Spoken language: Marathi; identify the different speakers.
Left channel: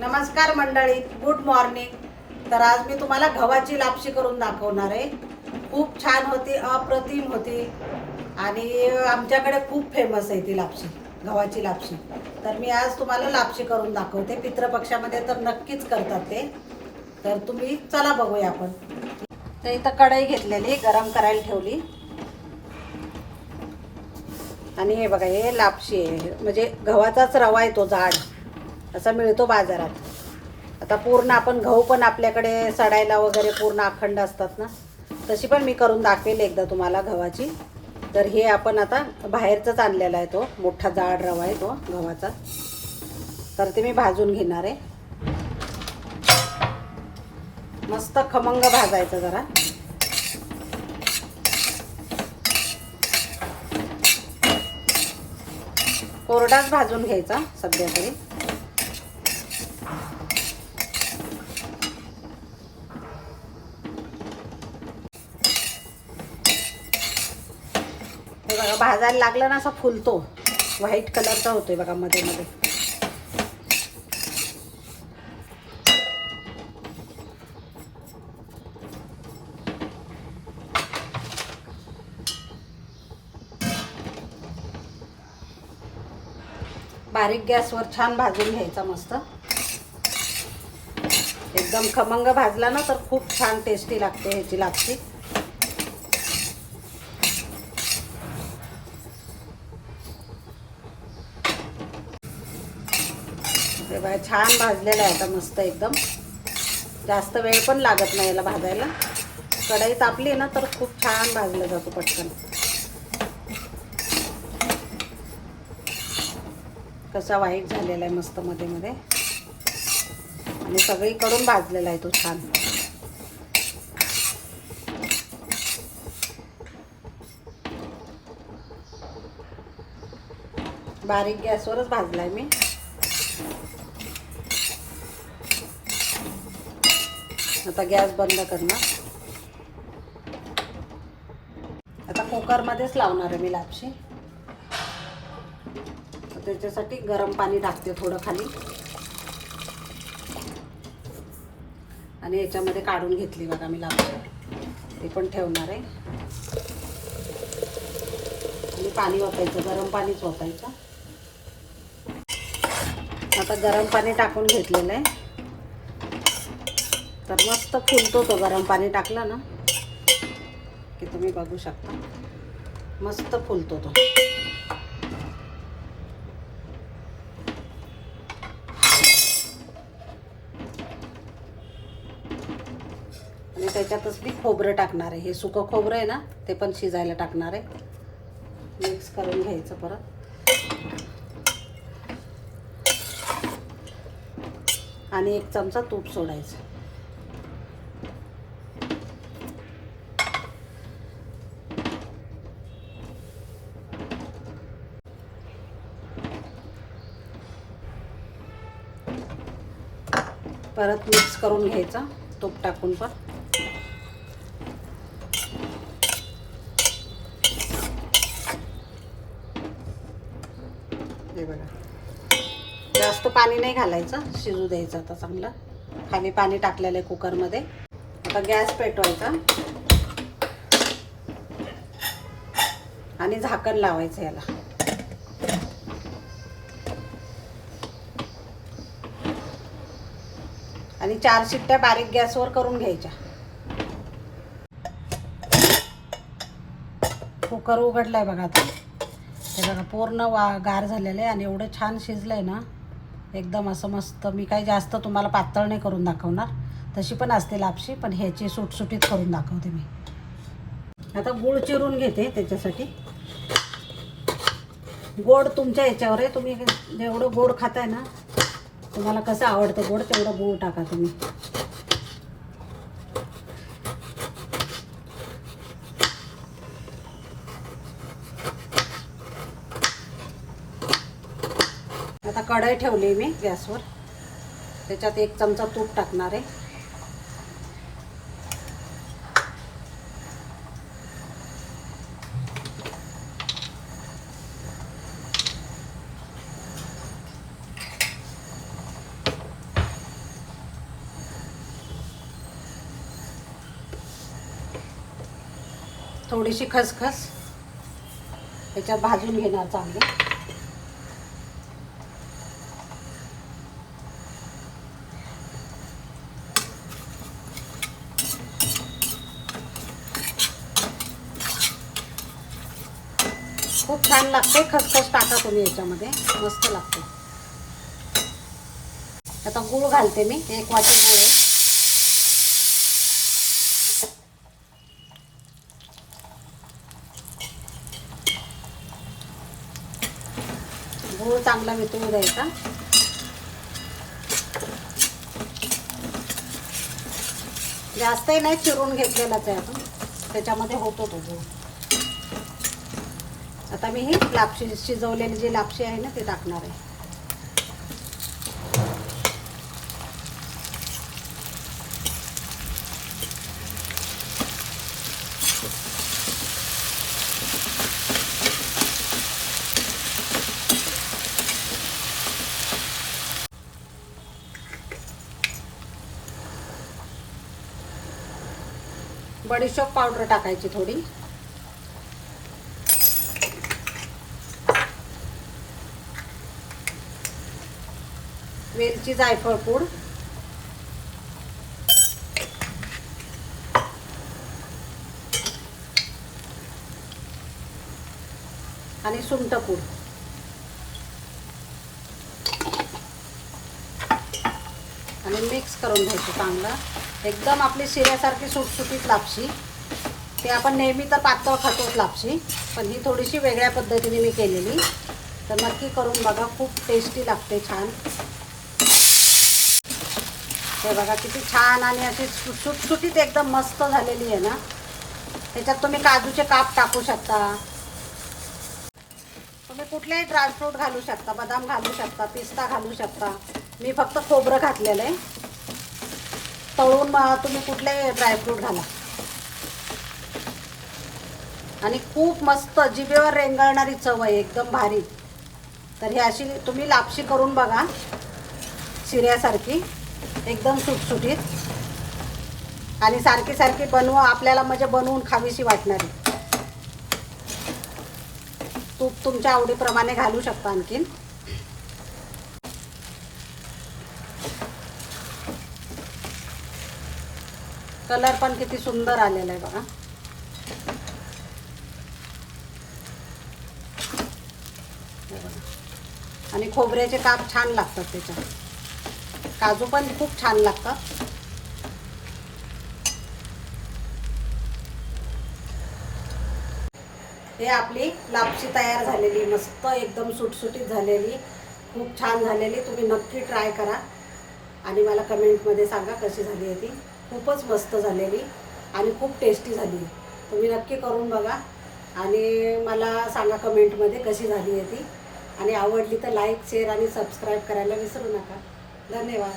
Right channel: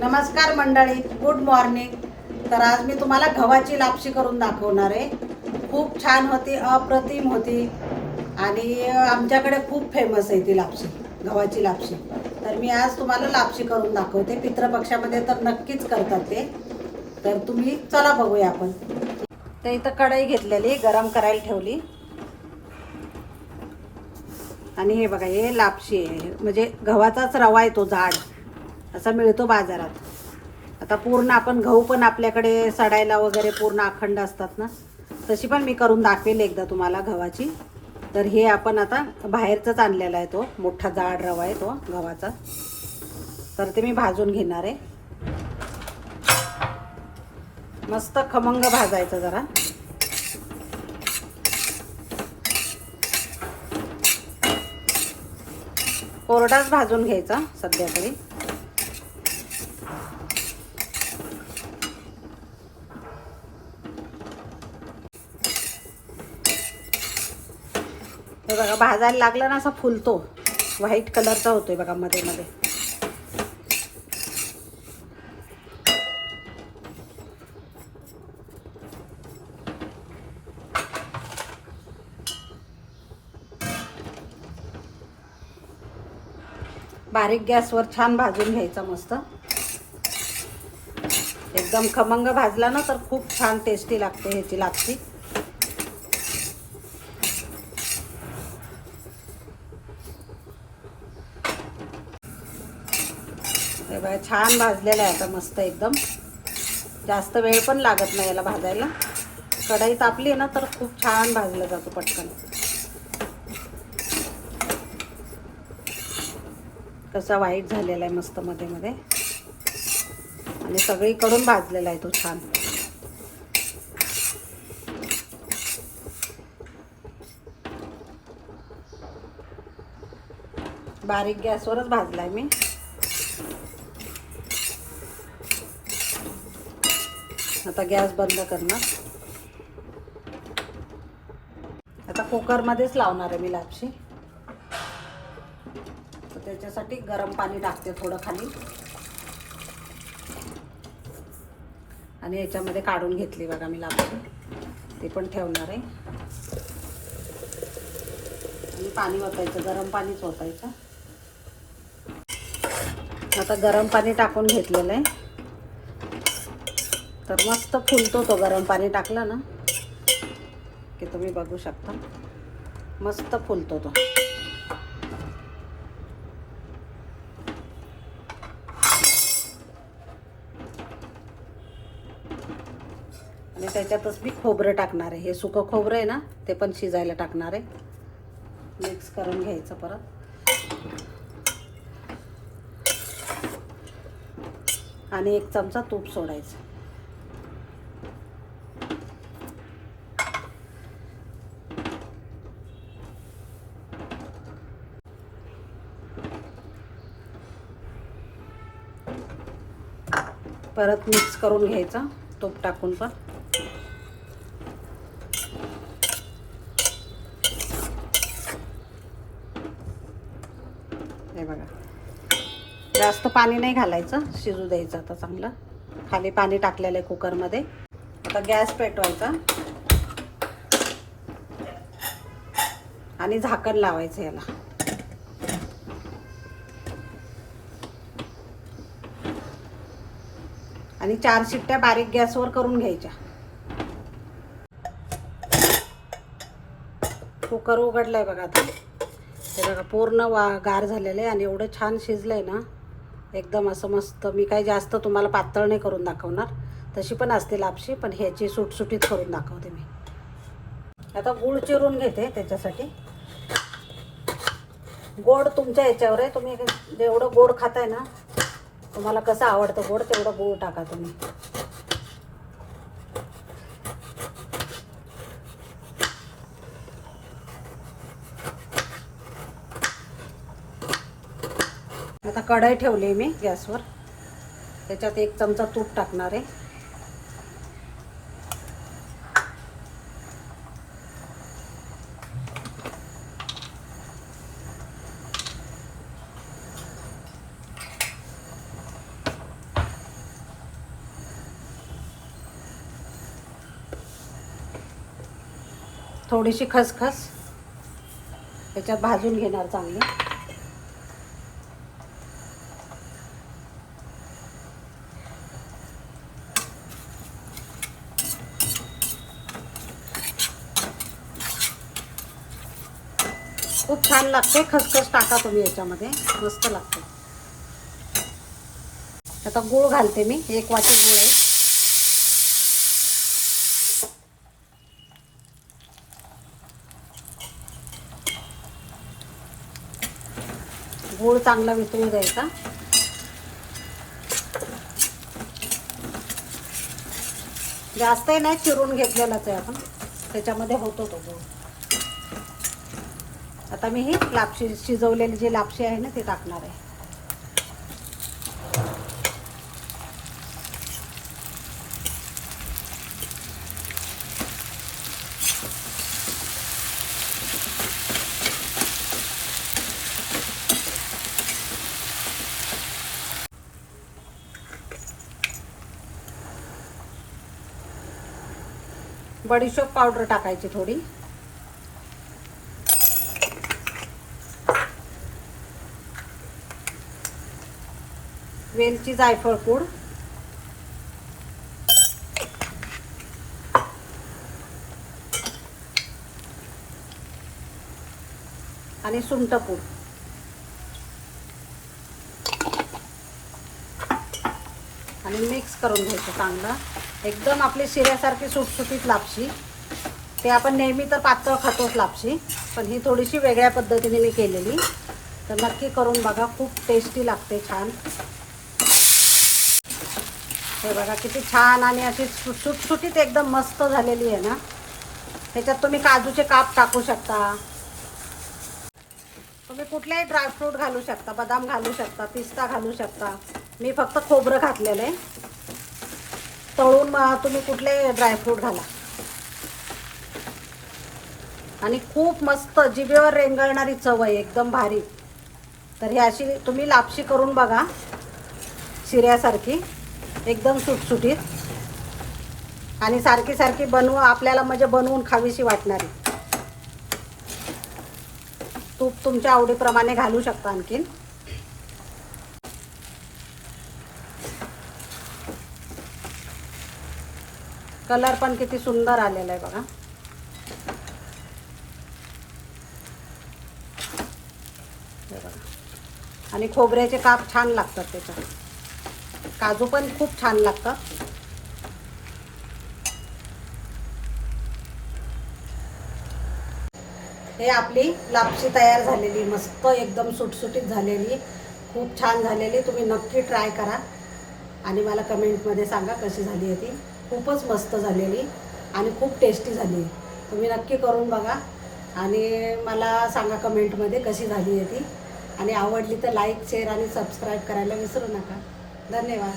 Speaker 1: नमस्कार मंडळी गुड मॉर्निंग तर आज मी तुम्हाला गव्हाची लापशी करून दाखवणार आहे. खूप छान होती अप्रतिम होती. आणि आमच्याकडे खूप फेमस आहे ती लापशी गव्हाची लापशी. तर मी आज तुम्हाला लापशी करून दाखवते. पितृपक्षामध्ये तर नक्कीच करतात ते. तर तुम्ही चला बघूया आपण. तर इथं कढई घेतलेली गरम करायला ठेवली. आणि हे बघा हे लापशी आहे. म्हणजे गव्हाचाच रवा आहे तो जाड. असा मिळतो बाजारात. आता पूर्ण आपण गहू पण आपल्याकडे सडायला वगैरे पूर्ण अखंड असतात ना? तशी पण मी करून दाखवेल एकदा तुम्हाला गव्हाची. तर हे आपण आता बाहेरचंच आणलेला आहे तो. मोठा जाड रवा आहे तो गव्हाचा. तर ते मी भाजून घेणार आहे. मस्त खमंग भाजायचं जरा. कोरडाच भाजून घ्यायचा सध्या भाजायला लागलं ना असं फुलतो. व्हाईट कलरचा होतोय बघा मध्ये मध्ये. बारीक गॅसवर छान भाजून घ्यायचा मस्त. एकदम खमंग भाजला ना तर खूप छान टेस्टी लागते ह्याची लागते हे बघा छान भाजलेलं आहे आता मस्त एकदम. जास्त वेळ पण लागत नाही याला भाजायला. कढई तापली ना तर खूप छान भाजला जातो पटकन. कसा वाईट झालेला आहे मस्त मध्ये मध्ये आणि सगळीकडून भाजलेला आहे तो छान. बारीक गॅसवरच भाजलाय मी. आता गॅस बंद करणार. आता कुकरमध्येच लावणार आहे मी लापशी. त्याच्यासाठी गरम पाणी टाकते थोडं खाली. आणि याच्यामध्ये काढून घेतली बघा मी लापशी. ते पण ठेवणार आहे. आणि पाणी वापरायचं गरम पाणीच वापरायचं आता गरम पाणी टाकून घेतलेलं आहे. तर मस्त फुलतो तो गरम पाणी टाकला ना की तुम्ही बघू शकता. मस्त फुलतो तो. आणि त्याच्यातच मी खोबरं टाकणार आहे. हे सुकं खोबरं आहे ना ते पण शिजायला टाकणार आहे. मिक्स करून घ्यायचं परत. आणि एक चमचा तूप सोडायचं. परत मिक्स करून घ्यायचं तूप टाकून पण. हे बघा. जास्त पाणी नाही घालायचं शिजू द्यायचं आता चांगलं. खाली पाणी टाकलेलं आहे कुकरमध्ये. आता गॅस पेटवायचा. आणि झाकण लावायचं याला. आणि चार शिट्ट्या बारीक गॅसवर करून घ्यायच्या. कुकर उघडलाय बघा आता. पूर्ण वा गार झालेलं आहे आणि एवढं छान शिजलंय ना एकदम असं मस्त. मी काही जास्त तुम्हाला पातळ नाही करून दाखवणार. तशी पण असते लापशी पण ह्याची सुटसुटीत करून दाखवते मी. आता गूळ चिरून घेते त्याच्यासाठी. गोड तुमच्या ह्याच्यावर आहे. तुम्ही जेवढं गोड खाताय ना तुम्हाला कसं आवडतं गोड तेवढं गूळ टाका तुम्ही. आता कढई ठेवली मी गॅसवर. त्याच्यात एक चमचा तूप टाकणार आहे. थोडीशी खसखस. त्याच्यात भाजून घेणार चांगलं. खूप छान लागते खसखस टाका तुम्ही याच्यामध्ये. मस्त लागते. आता गूळ घालते मी. एक वाटी गूळ चांगला वितळून द्यायचा जास्तही नाही चिरून घेतलेलाच आहे आपण. त्याच्यामध्ये होतो तो गूळ. आता मी ही लापशी शिजवलेली जी लापशी आहे ना ती टाकणार आहे. बडीशोप पावडर टाकायची थोडी. वेलची जायफळ पूड. आणि सुंठ पूड. मिक्स करून घ्यायचं चांगलं. एकदम आपली शिऱ्यासारखी सुटसुटीत लापशी. ते आपण नेहमी तर पातळ खातोच लापशी पण ही थोडीशी वेगळ्या पद्धतीने मी केलेली. तर नक्की करून बघा खूप टेस्टी लागते छान. तर बघा किती छान आणि अशी सुटसुटीत एकदम मस्त झालेली आहे ना. त्याच्यात तुम्ही काजूचे काप टाकू शकता. तुम्ही कुठलेही ड्रायफ्रूट घालू शकता बदाम घालू शकता पिस्ता घालू शकता. मी फक्त खोबरं घातलेलं आहे. तळून तुम्ही कुठले ड्रायफ्रूट घाला. आणि खूप मस्त जिभेवर रेंगाळणारी चव आहे एकदम भारी. तर ही अशी तुम्ही लापशी करून बघा शिऱ्यासारखी एकदम सुटसुटीत. आणि सारखी सारखी बनव आपल्याला म्हणजे बनवून खावीशी वाटणारी. तूप तुमच्या आवडीप्रमाणे घालू शकता आणखीन. कलर पण किती सुंदर आलेला आहे बघा. आणि खोबऱ्याचे काप छान लागतात त्याच्यात. काजू पण खूप छान लागतात. हे आपली लापशी तयार झालेली मस्त एकदम सुटसुटीत झालेली खूप छान झालेली. तुम्ही नक्की ट्राय करा. आणि मला कमेंटमध्ये सांगा कशी झाली आहे ती. खूपच मस्त झालेली आणि खूप टेस्टी झाली. आहे तुम्ही नक्की करून बघा. आणि मला सांगा कमेंटमध्ये कशी झाली आहे ती. आणि आवडली तर लाईक शेअर आणि सबस्क्राईब करायला विसरू नका. धन्यवाद.